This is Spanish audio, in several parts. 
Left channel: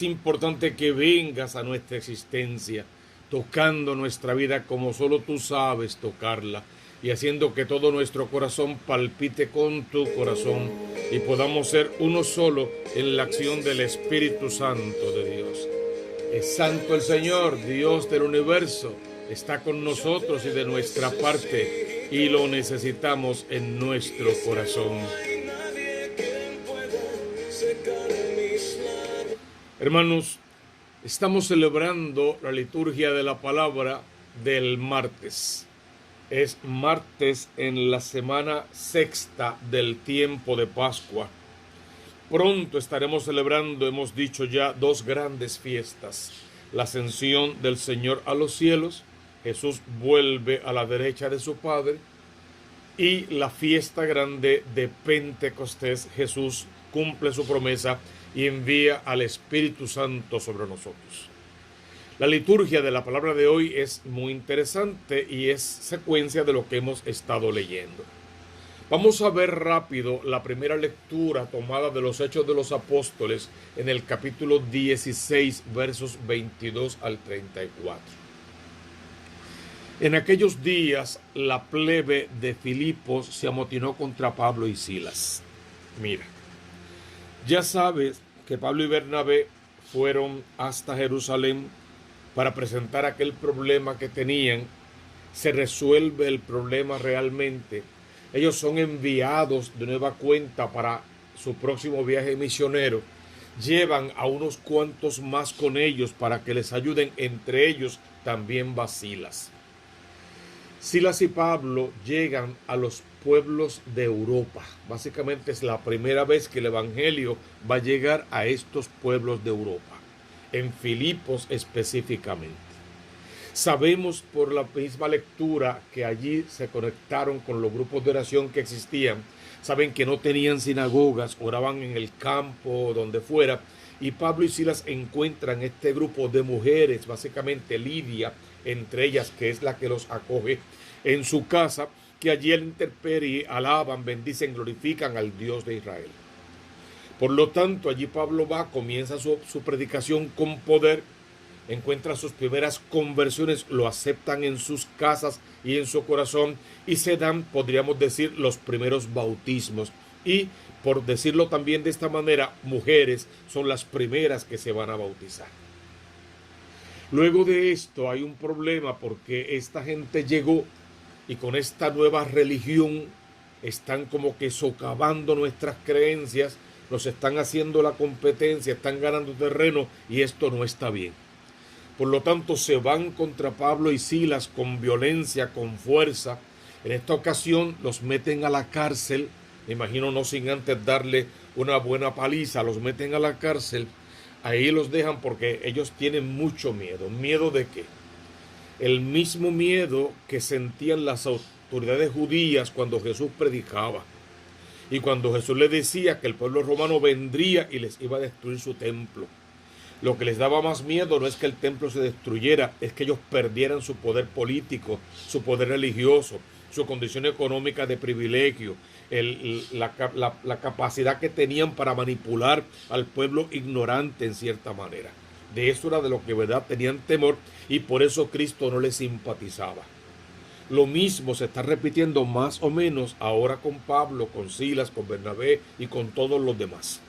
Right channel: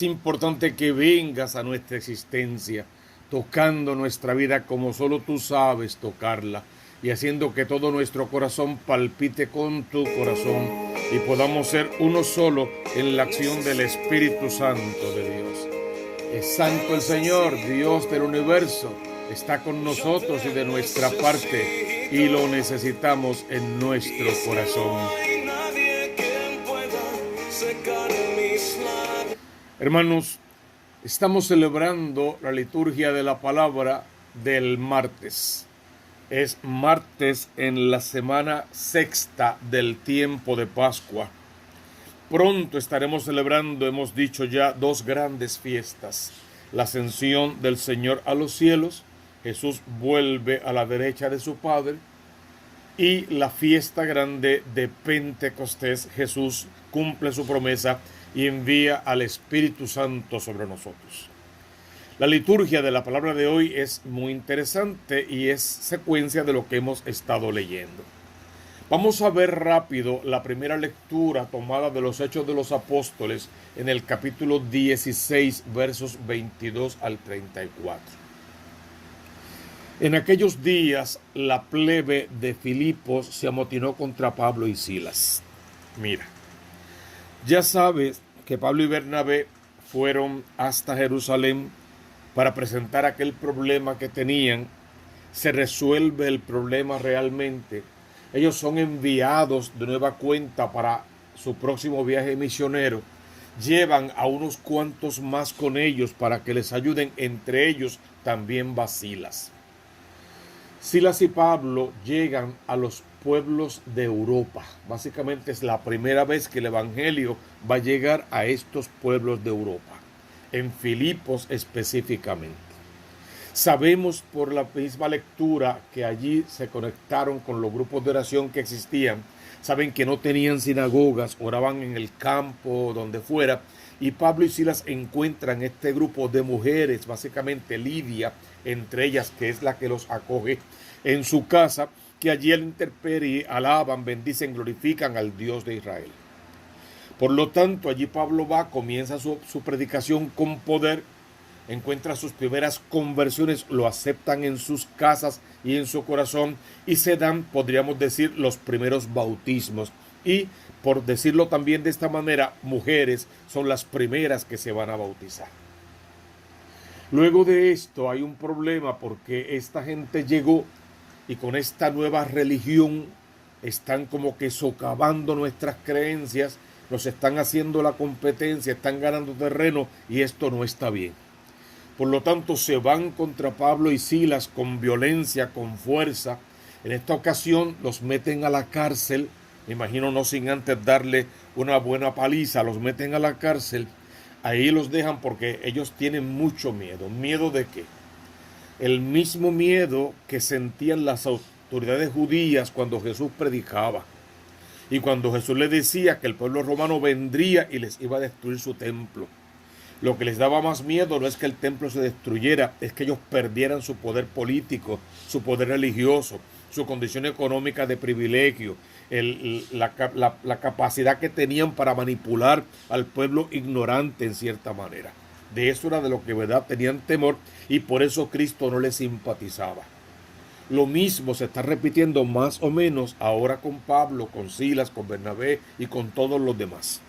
Es importante que vengas a nuestra existencia, tocando nuestra vida como solo tú sabes tocarla y haciendo que todo nuestro corazón palpite con tu corazón y podamos ser uno solo en la acción del Espíritu Santo de Dios. Es santo el Señor, Dios del universo, está con nosotros y de nuestra parte y lo necesitamos en nuestro corazón. Hermanos, estamos celebrando la liturgia de la palabra del martes. Es martes en la semana sexta del tiempo de Pascua. Pronto estaremos celebrando, hemos dicho ya, dos grandes fiestas. La ascensión del Señor a los cielos, Jesús vuelve a la derecha de su Padre, y la fiesta grande de Pentecostés, Jesús cumple su promesa y envía al Espíritu Santo sobre nosotros. La liturgia de la palabra de hoy es muy interesante y es secuencia de lo que hemos estado leyendo. Vamos a ver rápido la primera lectura tomada de los Hechos de los Apóstoles en el capítulo 16, versos 22 al 34. En aquellos días la plebe de Filipos se amotinó contra Pablo y Silas. Mira, ya sabes que Pablo y Bernabé fueron hasta Jerusalén para presentar aquel problema que tenían. Se resuelve el problema realmente. Ellos son enviados de nueva cuenta para su próximo viaje misionero. Llevan a unos cuantos más con ellos para que les ayuden, entre ellos también va Silas. Silas y Pablo llegan a los pueblos de Europa. Básicamente es la primera vez que el Evangelio va a llegar a estos pueblos de Europa, en Filipos específicamente. Sabemos por la misma lectura que allí se conectaron con los grupos de oración que existían. Saben que no tenían sinagogas, oraban en el campo, donde fuera, y Pablo y Silas encuentran este grupo de mujeres, básicamente Lidia, entre ellas, que es la que los acoge en su casa, que allí al intemperie alaban, bendicen, glorifican al Dios de Israel. Por lo tanto, allí Pablo comienza su predicación con poder, encuentra sus primeras conversiones, lo aceptan en sus casas y en su corazón, y se dan, podríamos decir, los primeros bautismos. Y, por decirlo también de esta manera, mujeres son las primeras que se van a bautizar. Luego de esto hay un problema porque esta gente llegó y con esta nueva religión están como que socavando nuestras creencias, nos están haciendo la competencia, están ganando terreno y esto no está bien. Por lo tanto se van contra Pablo y Silas con violencia, con fuerza. En esta ocasión los meten a la cárcel, me imagino no sin antes darle una buena paliza, los meten a la cárcel. Ahí los dejan porque ellos tienen mucho miedo. ¿Miedo de qué? El mismo miedo que sentían las autoridades judías cuando Jesús predicaba. Y cuando Jesús les decía que el pueblo romano vendría y les iba a destruir su templo. Lo que les daba más miedo no es que el templo se destruyera, es que ellos perdieran su poder político, su poder religioso, su condición económica de privilegio, la capacidad que tenían para manipular al pueblo ignorante en cierta manera. De eso era de lo que verdad tenían temor y por eso Cristo no les simpatizaba. Lo mismo se está repitiendo más o menos ahora con Pablo, con Silas, con Bernabé y con todos los demás.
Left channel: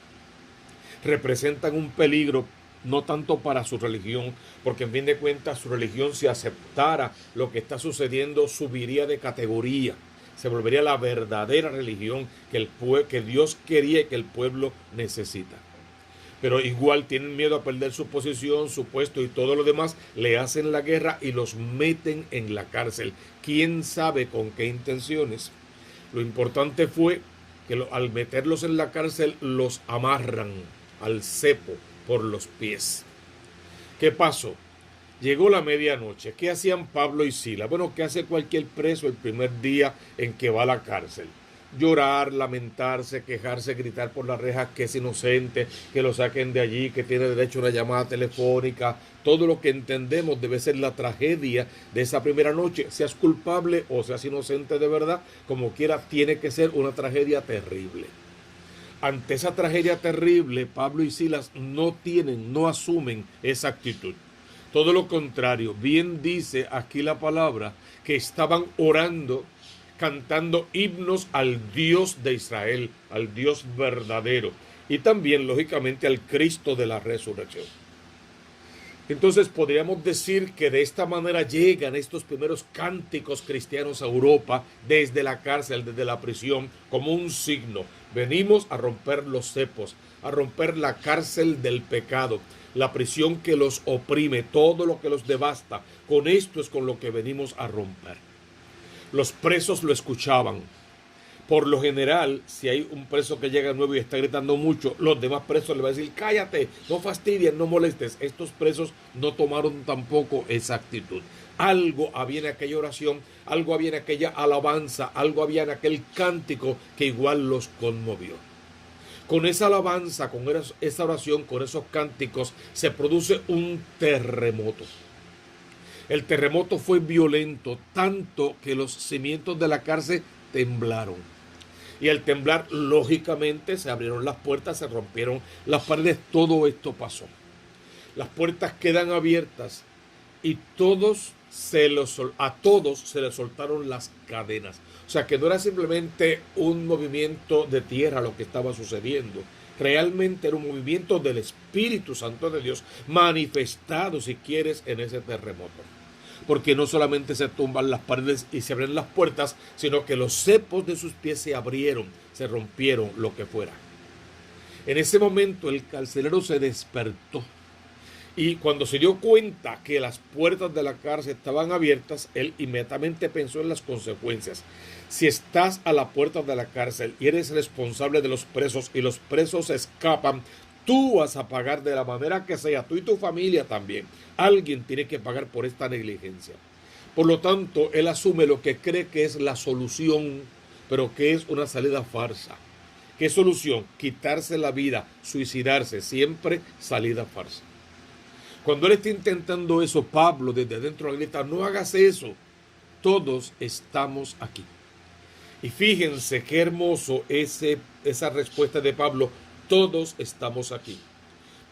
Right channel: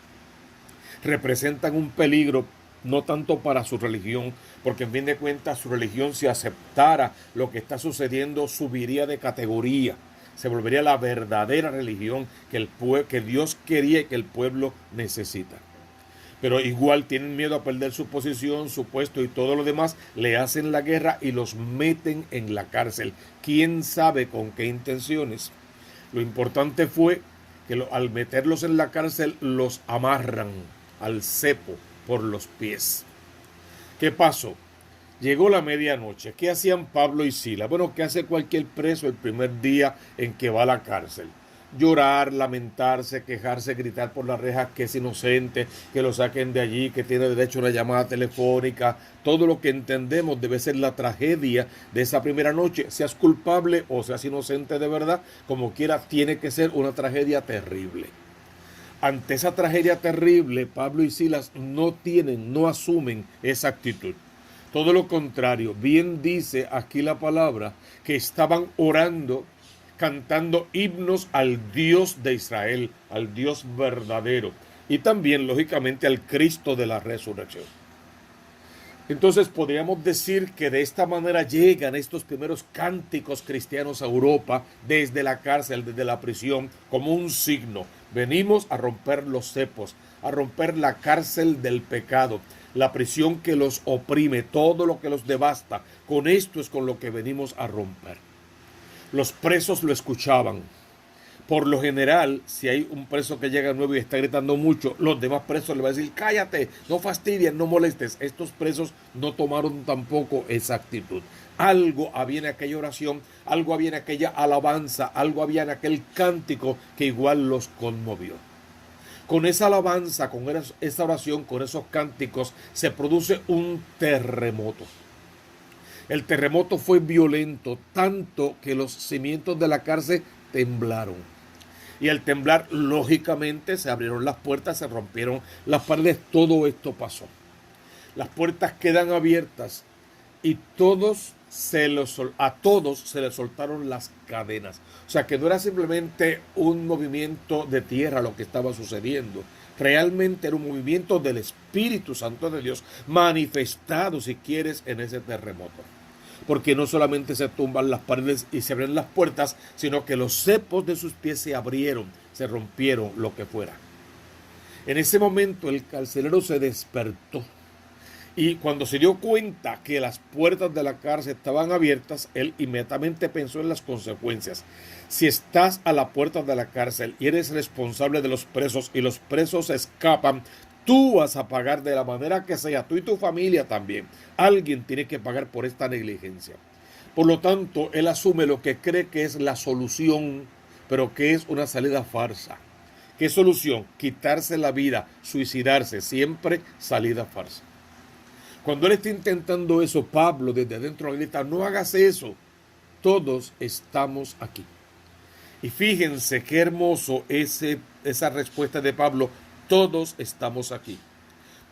Representan un peligro no tanto para su religión, porque en fin de cuentas su religión, si aceptara lo que está sucediendo, subiría de categoría. Se volvería la verdadera religión que Dios quería y que el pueblo necesita. Pero igual tienen miedo a perder su posición, su puesto y todo lo demás, le hacen la guerra y los meten en la cárcel. ¿Quién sabe con qué intenciones? Lo importante fue que al meterlos en la cárcel los amarran al cepo por los pies. ¿Qué pasó? Llegó la medianoche. ¿Qué hacían Pablo y Silas? Bueno, ¿qué hace cualquier preso el primer día en que va a la cárcel? Llorar, lamentarse, quejarse, gritar por las rejas que es inocente, que lo saquen de allí, que tiene derecho a una llamada telefónica. Todo lo que entendemos debe ser la tragedia de esa primera noche. Seas culpable o seas inocente de verdad, como quiera, tiene que ser una tragedia terrible. ante esa tragedia terrible, Pablo y Silas no asumen esa actitud. Todo lo contrario, bien dice aquí la palabra, que estaban orando, cantando himnos al Dios de Israel, al Dios verdadero, y también, lógicamente, al Cristo de la resurrección. Entonces podríamos decir que de esta manera llegan estos primeros cánticos cristianos a Europa desde la cárcel, desde la prisión, como un signo. Venimos a romper los cepos, a romper la cárcel del pecado, la prisión que los oprime, todo lo que los devasta. Con esto es con lo que venimos a romper. Los presos lo escuchaban. Por lo general, si hay un preso que llega nuevo y está gritando mucho, los demás presos le van a decir, cállate, no fastidies, no molestes. Estos presos no tomaron tampoco esa actitud. Algo había en aquella oración, algo había en aquella alabanza, algo había en aquel cántico que igual los conmovió. Con esa alabanza, con esa oración, con esos cánticos, se produce un terremoto. El terremoto fue violento, tanto que los cimientos de la cárcel temblaron. Y al temblar, lógicamente, se abrieron las puertas, se rompieron las paredes, todo esto pasó. Las puertas quedan abiertas y a todos se les soltaron las cadenas. O sea, que no era simplemente un movimiento de tierra lo que estaba sucediendo. Realmente era un movimiento del Espíritu Santo de Dios manifestado, si quieres, en ese terremoto. Porque no solamente se tumban las paredes y se abren las puertas, sino que los cepos de sus pies se abrieron, se rompieron, lo que fuera. En ese momento el carcelero se despertó y cuando se dio cuenta que las puertas de la cárcel estaban abiertas, él inmediatamente pensó en las consecuencias. Si estás a la puerta de la cárcel y eres responsable de los presos y los presos escapan, tú vas a pagar de la manera que sea, tú y tu familia también. Alguien tiene que pagar por esta negligencia. Por lo tanto, él asume lo que cree que es la solución, pero que es una salida farsa. ¿Qué solución? Quitarse la vida, suicidarse, siempre salida farsa. Cuando él está intentando eso, Pablo desde adentro le grita, no hagas eso, todos estamos aquí. Y fíjense qué hermoso esa respuesta de Pablo, todos estamos aquí.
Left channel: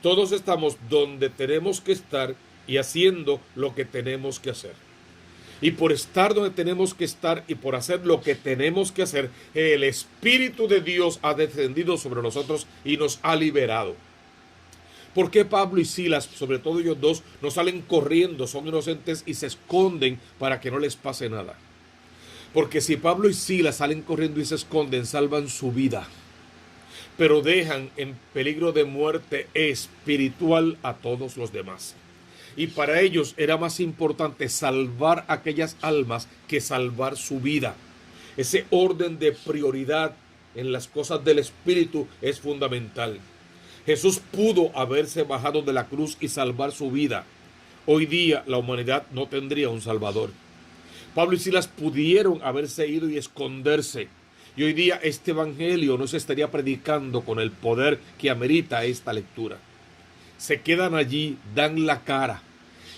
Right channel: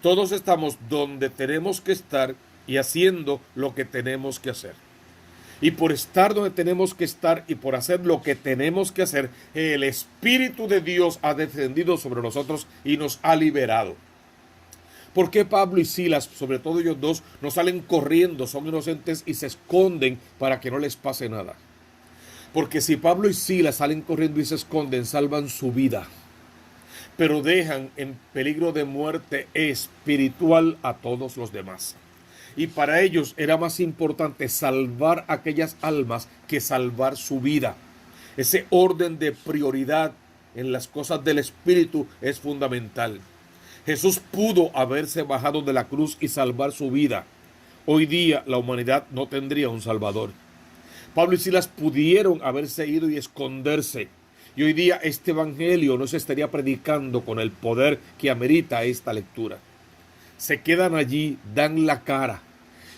Todos estamos donde tenemos que estar y haciendo lo que tenemos que hacer. Y por estar donde tenemos que estar y por hacer lo que tenemos que hacer, el Espíritu de Dios ha descendido sobre nosotros y nos ha liberado. ¿Por qué Pablo y Silas, sobre todo ellos dos, no salen corriendo, son inocentes y se esconden para que no les pase nada? Porque si Pablo y Silas salen corriendo y se esconden, salvan su vida, pero dejan en peligro de muerte espiritual a todos los demás. Y para ellos era más importante salvar aquellas almas que salvar su vida. Ese orden de prioridad en las cosas del Espíritu es fundamental. Jesús pudo haberse bajado de la cruz y salvar su vida. Hoy día la humanidad no tendría un Salvador. Pablo y Silas pudieron haberse ido y esconderse. Y hoy día este evangelio no se estaría predicando con el poder que amerita esta lectura. Se quedan allí, dan la cara.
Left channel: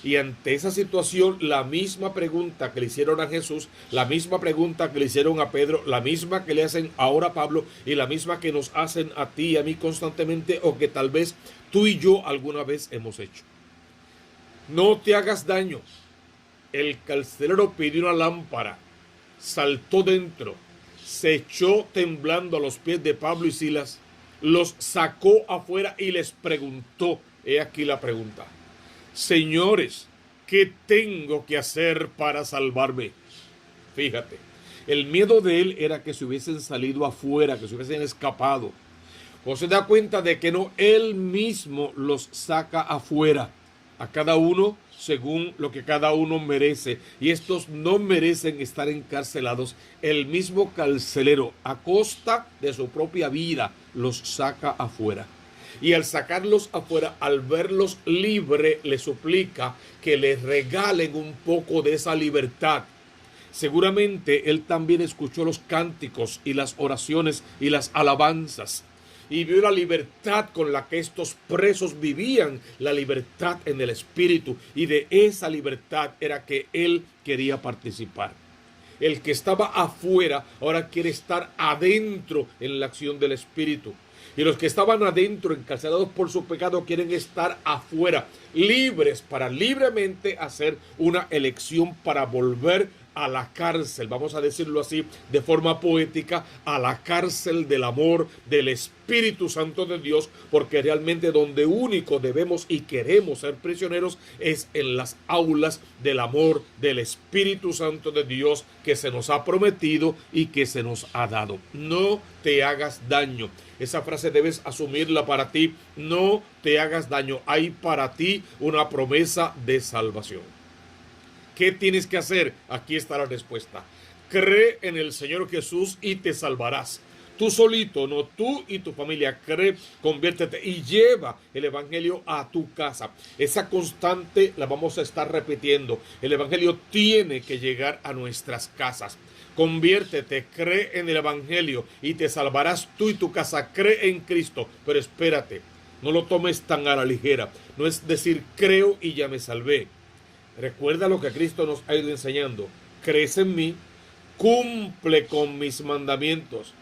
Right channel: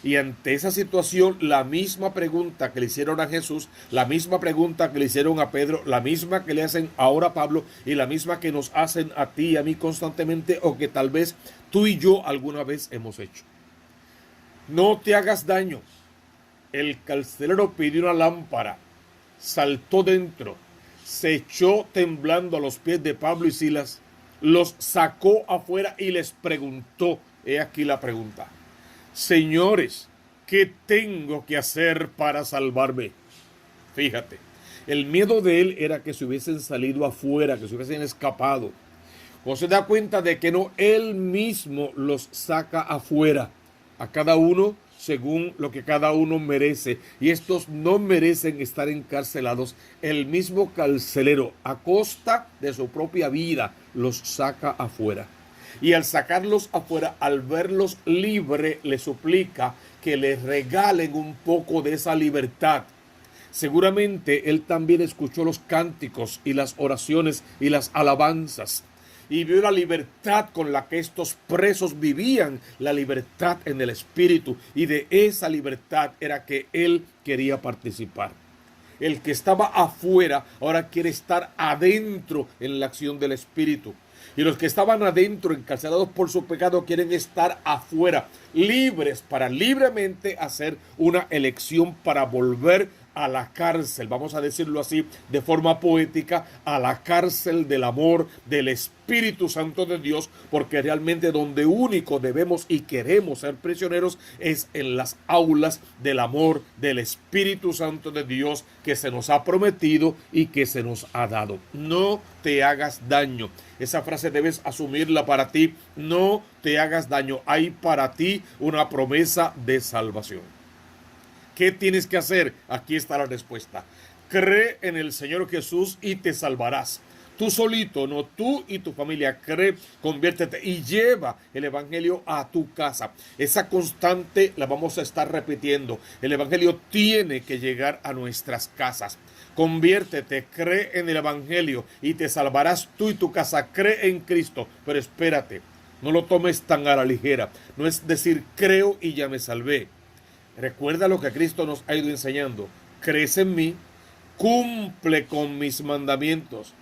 Y ante esa situación, la misma pregunta que le hicieron a Jesús, la misma pregunta que le hicieron a Pedro, la misma que le hacen ahora a Pablo y la misma que nos hacen a ti y a mí constantemente o que tal vez tú y yo alguna vez hemos hecho. No te hagas daño. El carcelero pidió una lámpara, saltó dentro, se echó temblando a los pies de Pablo y Silas, los sacó afuera y les preguntó, he aquí la pregunta, señores, ¿qué tengo que hacer para salvarme? Fíjate, el miedo de él era que se hubiesen salido afuera, que se hubiesen escapado. O se da cuenta de que no, él mismo los saca afuera, a cada uno según lo que cada uno merece, y estos no merecen estar encarcelados. El mismo carcelero, a costa de su propia vida, los saca afuera. Y al sacarlos afuera, al verlos libres, les suplica que les regalen un poco de esa libertad. Seguramente él también escuchó los cánticos y las oraciones y las alabanzas y vio la libertad con la que estos presos vivían, la libertad en el Espíritu, y de esa libertad era que él quería participar. El que estaba afuera ahora quiere estar adentro en la acción del Espíritu. Y los que estaban adentro, encarcelados por su pecado, quieren estar afuera, libres para libremente hacer una elección para volver a la cárcel, vamos a decirlo así de forma poética, a la cárcel del amor del Espíritu Santo de Dios, porque realmente donde único debemos y queremos ser prisioneros es en las aulas del amor del Espíritu Santo de Dios que se nos ha prometido y que se nos ha dado. No te hagas daño. Esa frase debes asumirla para ti. No te hagas daño. Hay para ti una promesa de salvación. ¿Qué tienes que hacer? Aquí está la respuesta. Cree en el Señor Jesús y te salvarás. Tú solito, no, tú y tu familia. Cree, conviértete y lleva el Evangelio a tu casa. Esa constante la vamos a estar repitiendo. El Evangelio tiene que llegar a nuestras casas. Conviértete, cree en el Evangelio y te salvarás tú y tu casa. Cree en Cristo. Pero espérate, no lo tomes tan a la ligera. No es decir, creo y ya me salvé. Recuerda lo que Cristo nos ha ido enseñando. Crees en mí, cumple con mis mandamientos,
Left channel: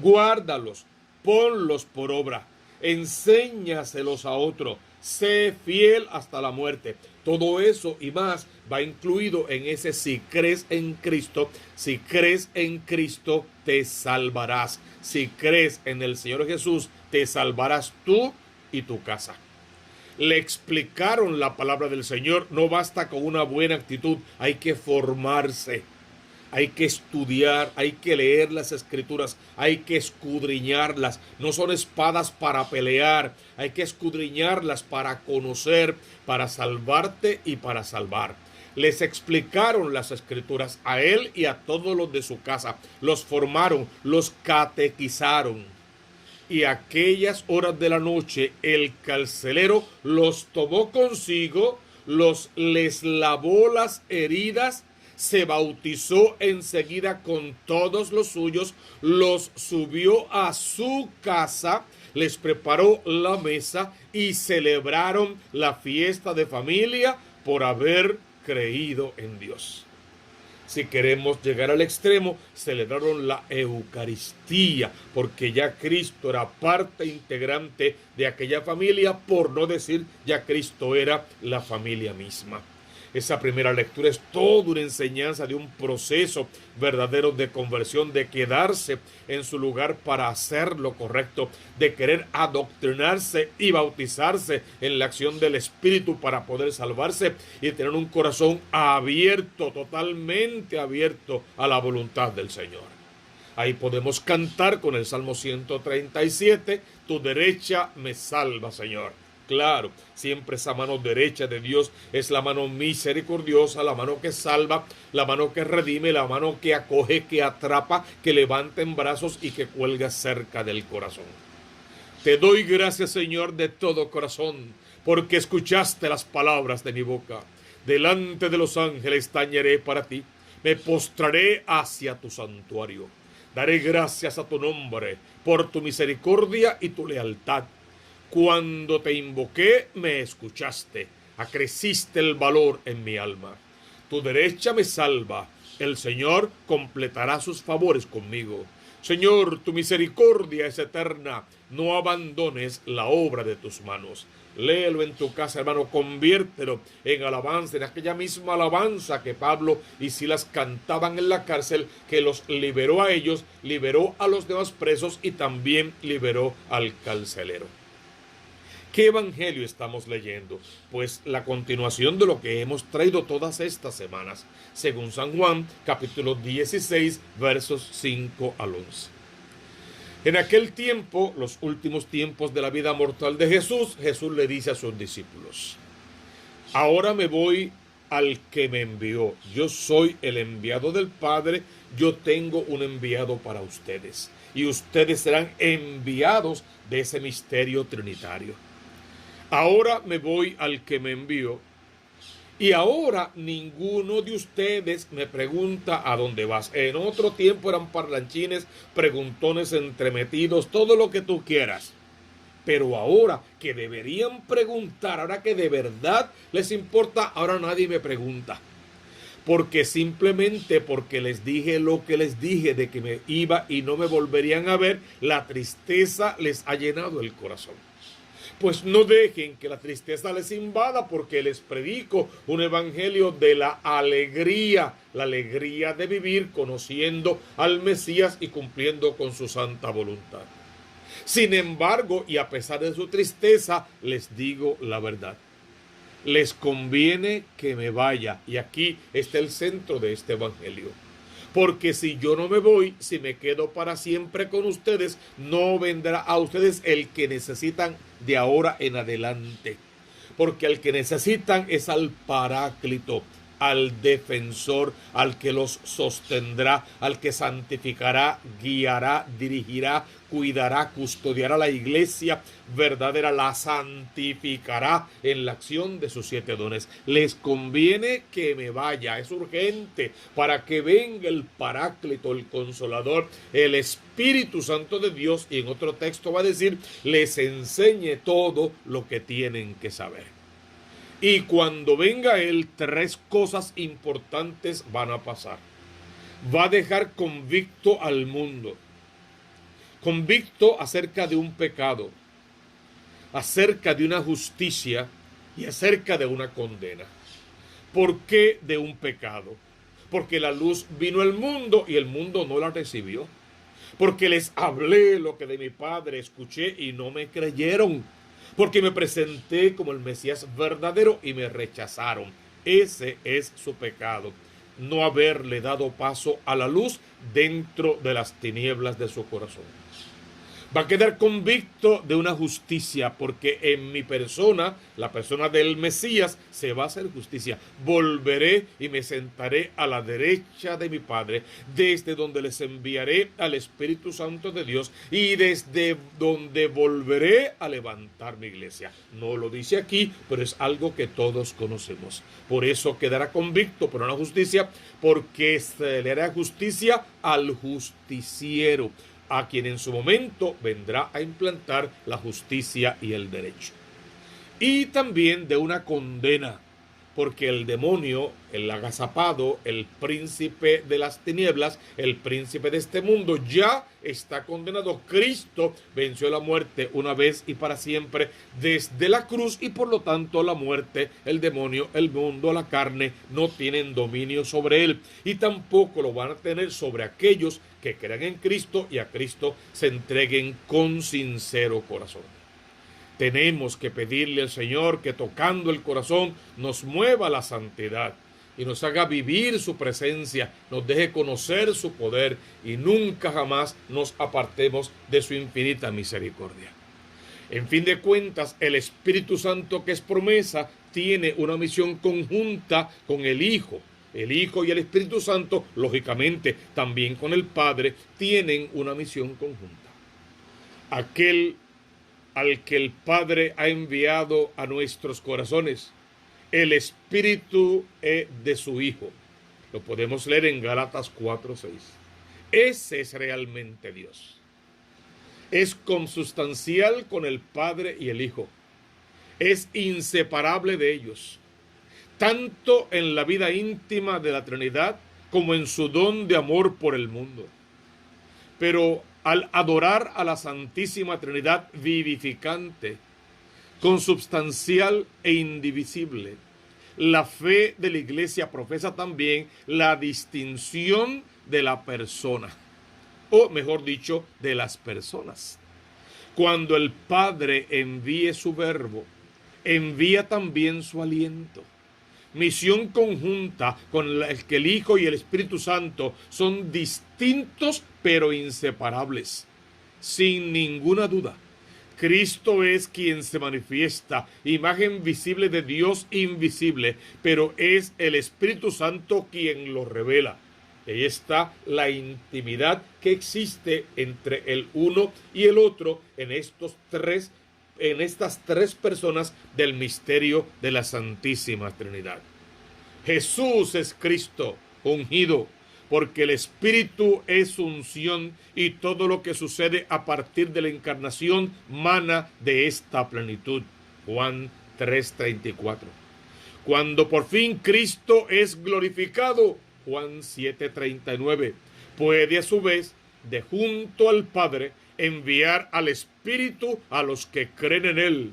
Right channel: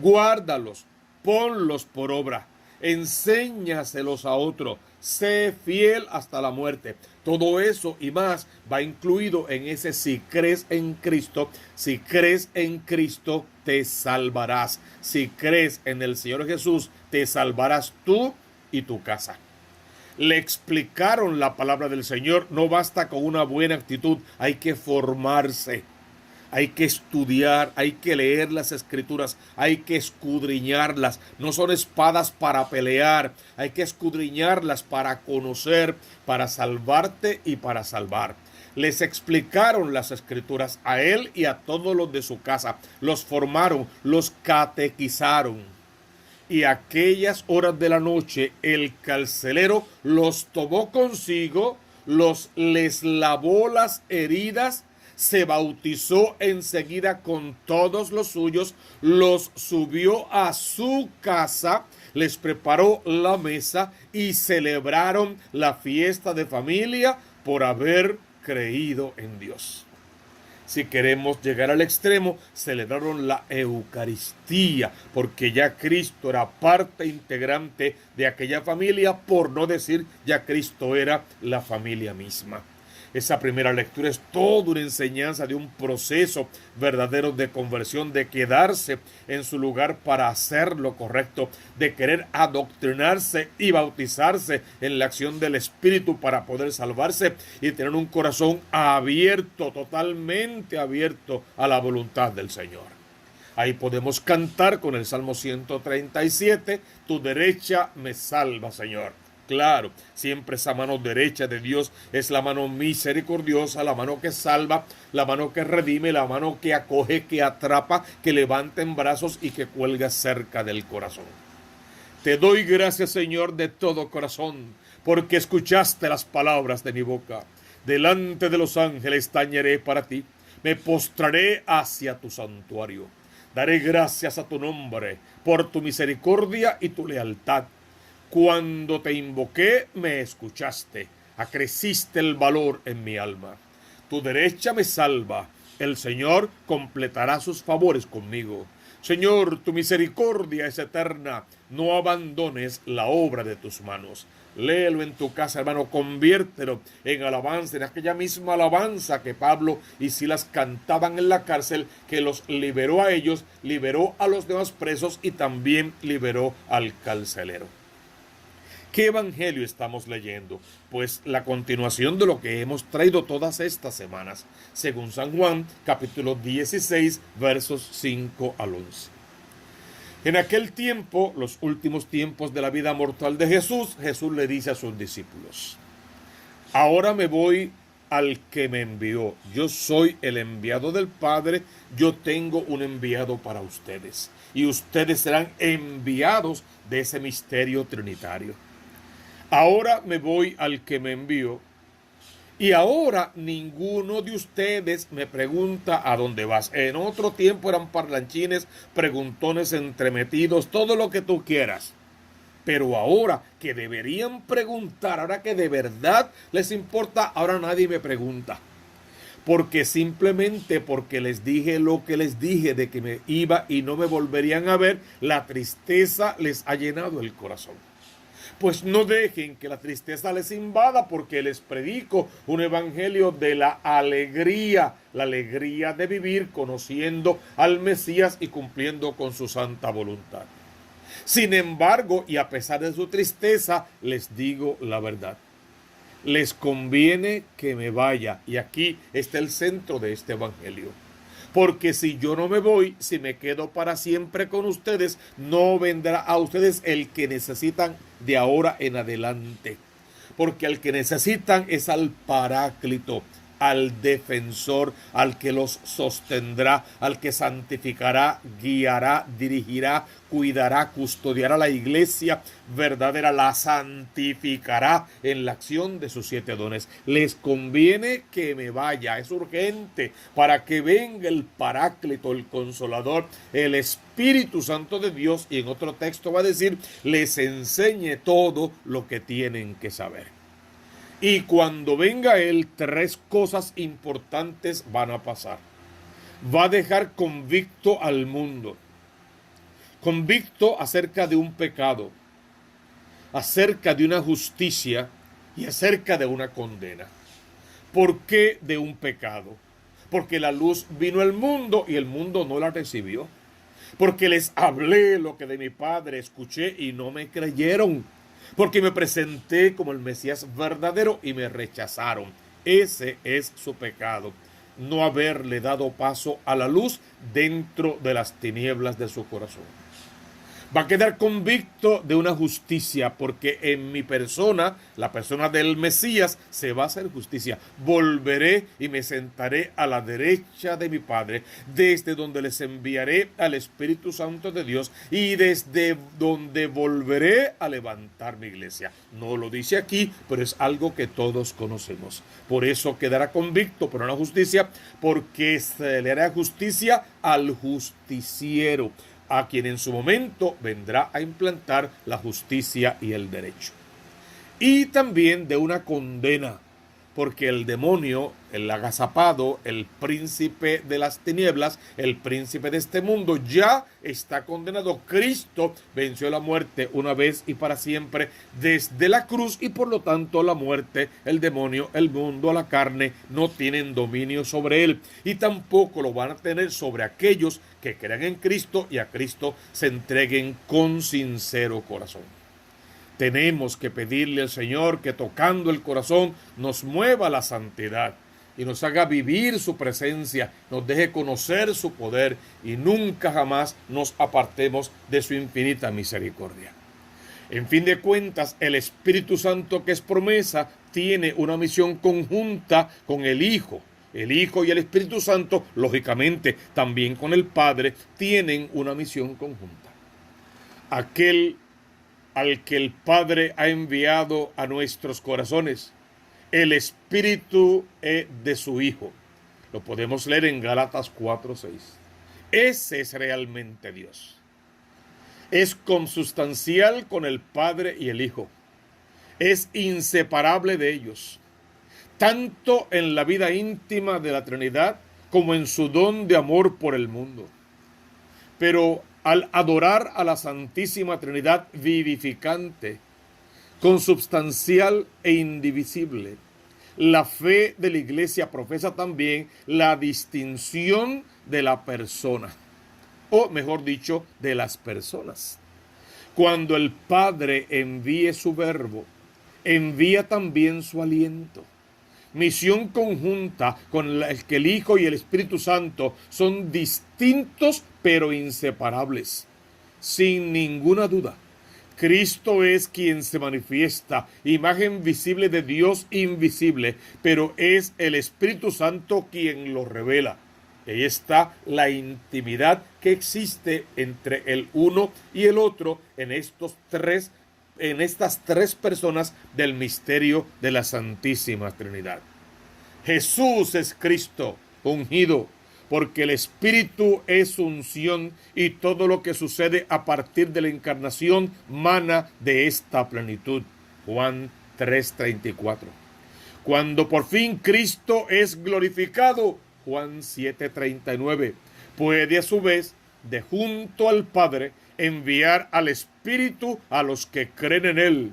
guárdalos, ponlos por obra, enséñaselos a otro, sé fiel hasta la muerte. Todo eso y más va incluido en ese si crees en Cristo. Si crees en Cristo, te salvarás. Si crees en el Señor Jesús, te salvarás tú y tu casa. Le explicaron la palabra del Señor. No basta con una buena actitud, hay que formarse, hay que estudiar, hay que leer las Escrituras, hay que escudriñarlas. No son espadas para pelear, hay que escudriñarlas para conocer, para salvarte y para salvar. Les explicaron las Escrituras a él y a todos los de su casa. Los formaron, los catequizaron. Y aquellas horas de la noche el carcelero los tomó consigo, les lavó las heridas, se bautizó enseguida con todos los suyos, los subió a su casa, les preparó la mesa y celebraron la fiesta de familia por haber creído en Dios. Si queremos llegar al extremo, celebraron la Eucaristía, porque ya Cristo era parte integrante de aquella familia, por no decir ya Cristo era la familia misma. Esa primera lectura es toda una enseñanza de un proceso verdadero de conversión, de quedarse en su lugar para hacer lo correcto, de querer adoctrinarse y bautizarse en la acción del Espíritu para poder salvarse y tener un corazón abierto, totalmente abierto a la voluntad del Señor. Ahí podemos cantar con el Salmo 137, tu derecha me salva, Señor. Claro, siempre esa mano derecha de Dios es la mano misericordiosa, la mano que salva, la mano que redime, la mano que acoge, que atrapa, que levanta en brazos y que cuelga cerca del corazón. Te doy gracias, Señor, de todo corazón, porque escuchaste las palabras de mi boca. Delante de los ángeles tañeré para ti, me postraré hacia tu santuario. Daré gracias a tu nombre por tu misericordia y tu lealtad. Cuando te invoqué, me escuchaste, acreciste el valor en mi alma. Tu derecha me salva, el Señor completará sus favores conmigo. Señor, tu misericordia es eterna, no abandones la obra de tus manos. Léelo en tu casa, hermano, conviértelo en alabanza, en aquella misma alabanza que Pablo y Silas cantaban en la cárcel, que los liberó a ellos, liberó a los demás presos y también liberó al carcelero. ¿Qué evangelio estamos leyendo? Pues la continuación de lo que hemos traído todas estas semanas, según San Juan, capítulo 16, versos 5 al 11. En aquel tiempo, los últimos tiempos de la vida mortal de Jesús, Jesús le dice a sus discípulos: ahora me voy al que me envió. Yo soy el enviado del Padre, yo tengo un enviado para ustedes. Y ustedes serán enviados de ese misterio trinitario. Ahora me voy al que me envió. Y ahora ninguno de ustedes me pregunta a dónde vas. En otro tiempo eran parlanchines, preguntones entremetidos, todo lo que tú quieras. Pero ahora que deberían preguntar, ahora que de verdad les importa, ahora nadie me pregunta. porque simplemente porque les dije lo que les dije de que me iba y no me volverían a ver, la tristeza les ha llenado el corazón. Pues no dejen que la tristeza les invada, porque les predico un evangelio de la alegría de vivir conociendo al Mesías y cumpliendo con su santa voluntad. Sin embargo, y a pesar de su tristeza, les digo la verdad. Les conviene que me vaya, y aquí está el centro de este evangelio. Porque si yo no me voy, si me quedo para siempre con ustedes, no vendrá a ustedes el que necesitan de ahora en adelante. Porque el que necesitan es al Paráclito, al defensor, al que los sostendrá, al que santificará, guiará, dirigirá, cuidará, custodiará la iglesia verdadera, la santificará en la acción de sus 7 dones. Les conviene que me vaya, es urgente, para que venga el Paráclito, el Consolador, el Espíritu Santo de Dios, y en otro texto va a decir, les enseñe todo lo que tienen que saber. Y cuando venga Él, 3 cosas importantes van a pasar. Va a dejar convicto al mundo. Convicto acerca de un pecado, acerca de una justicia y acerca de una condena. ¿Por qué de un pecado? Porque la luz vino al mundo y el mundo no la recibió. Porque les hablé lo que de mi Padre escuché y no me creyeron. Porque me presenté como el Mesías verdadero y me rechazaron. Ese es su pecado, no haberle dado paso a la luz dentro de las tinieblas de su corazón. Va a quedar convicto de una justicia, porque en mi persona, la persona del Mesías, se va a hacer justicia. Volveré y me sentaré a la derecha de mi Padre, desde donde les enviaré al Espíritu Santo de Dios y desde donde volveré a levantar mi iglesia. No lo dice aquí, pero es algo que todos conocemos. Por eso quedará convicto por una justicia, porque se le hará justicia al justiciero, a quien en su momento vendrá a implantar la justicia y el derecho. Y también de una condena, porque el demonio, el agazapado, el príncipe de las tinieblas, el príncipe de este mundo, ya está condenado. Cristo venció la muerte una vez y para siempre desde la cruz, y por lo tanto la muerte, el demonio, el mundo, la carne, no tienen dominio sobre él, y tampoco lo van a tener sobre aquellos que crean en Cristo y a Cristo se entreguen con sincero corazón. Tenemos que pedirle al Señor que, tocando el corazón, nos mueva a la santidad y nos haga vivir su presencia, nos deje conocer su poder y nunca jamás nos apartemos de su infinita misericordia. En fin de cuentas, el Espíritu Santo, que es promesa, tiene una misión conjunta con el Hijo. El Hijo y el Espíritu Santo, lógicamente, también con el Padre, tienen una misión conjunta. Aquel al que el Padre ha enviado a nuestros corazones, el Espíritu de su Hijo. Lo podemos leer en Gálatas 4:6. Ese es realmente Dios. Es consustancial con el Padre y el Hijo. Es inseparable de ellos, tanto en la vida íntima de la Trinidad como en su don de amor por el mundo. Pero al adorar a la Santísima Trinidad vivificante, consubstancial e indivisible, la fe de la Iglesia profesa también la distinción de la persona, o mejor dicho, de las personas. Cuando el Padre envíe su verbo, envía también su aliento. Misión conjunta con la que el Hijo y el Espíritu Santo son distintos pero inseparables. Sin ninguna duda, Cristo es quien se manifiesta, imagen visible de Dios invisible, pero es el Espíritu Santo quien lo revela. Ahí está la intimidad que existe entre el uno y el otro en estas tres personas del misterio de la Santísima Trinidad. Jesús es Cristo ungido, porque el Espíritu es unción y todo lo que sucede a partir de la encarnación mana de esta plenitud. Juan 3:34. Cuando por fin Cristo es glorificado, Juan 7:39, puede a su vez, de junto al Padre, enviar al Espíritu a los que creen en Él.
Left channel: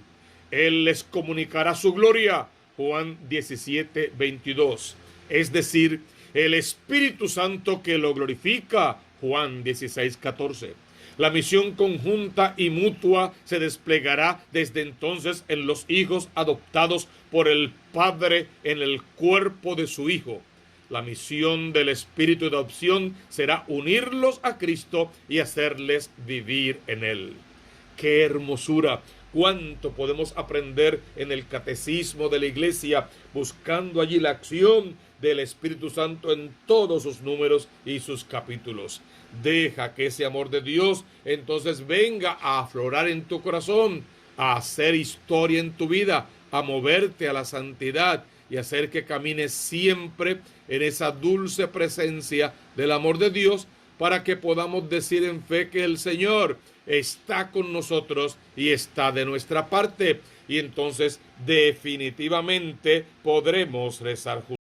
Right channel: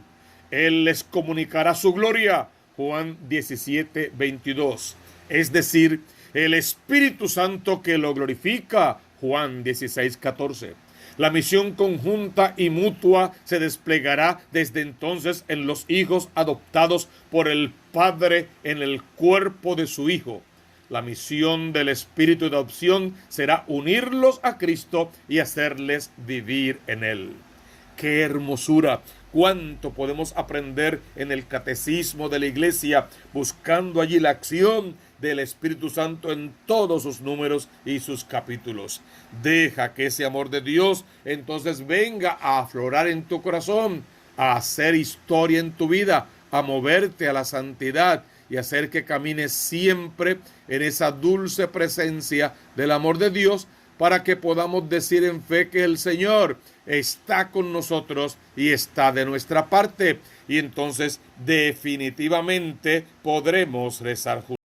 Él les comunicará su gloria, Juan 17:22. Es decir, el Espíritu Santo que lo glorifica, Juan 16:14. La misión conjunta y mutua se desplegará desde entonces en los hijos adoptados por el Padre en el cuerpo de su Hijo. La misión del Espíritu de adopción será unirlos a Cristo y hacerles vivir en Él. ¡Qué hermosura! Cuánto podemos aprender en el catecismo de la Iglesia, buscando allí la acción del Espíritu Santo en todos sus números y sus capítulos. Deja que ese amor de Dios entonces venga a aflorar en tu corazón, a hacer historia en tu vida, a moverte a la santidad y hacer que camines siempre en esa dulce presencia del amor de Dios, para que podamos decir en fe que el Señor está con nosotros y está de nuestra parte, y entonces definitivamente podremos rezar juntos.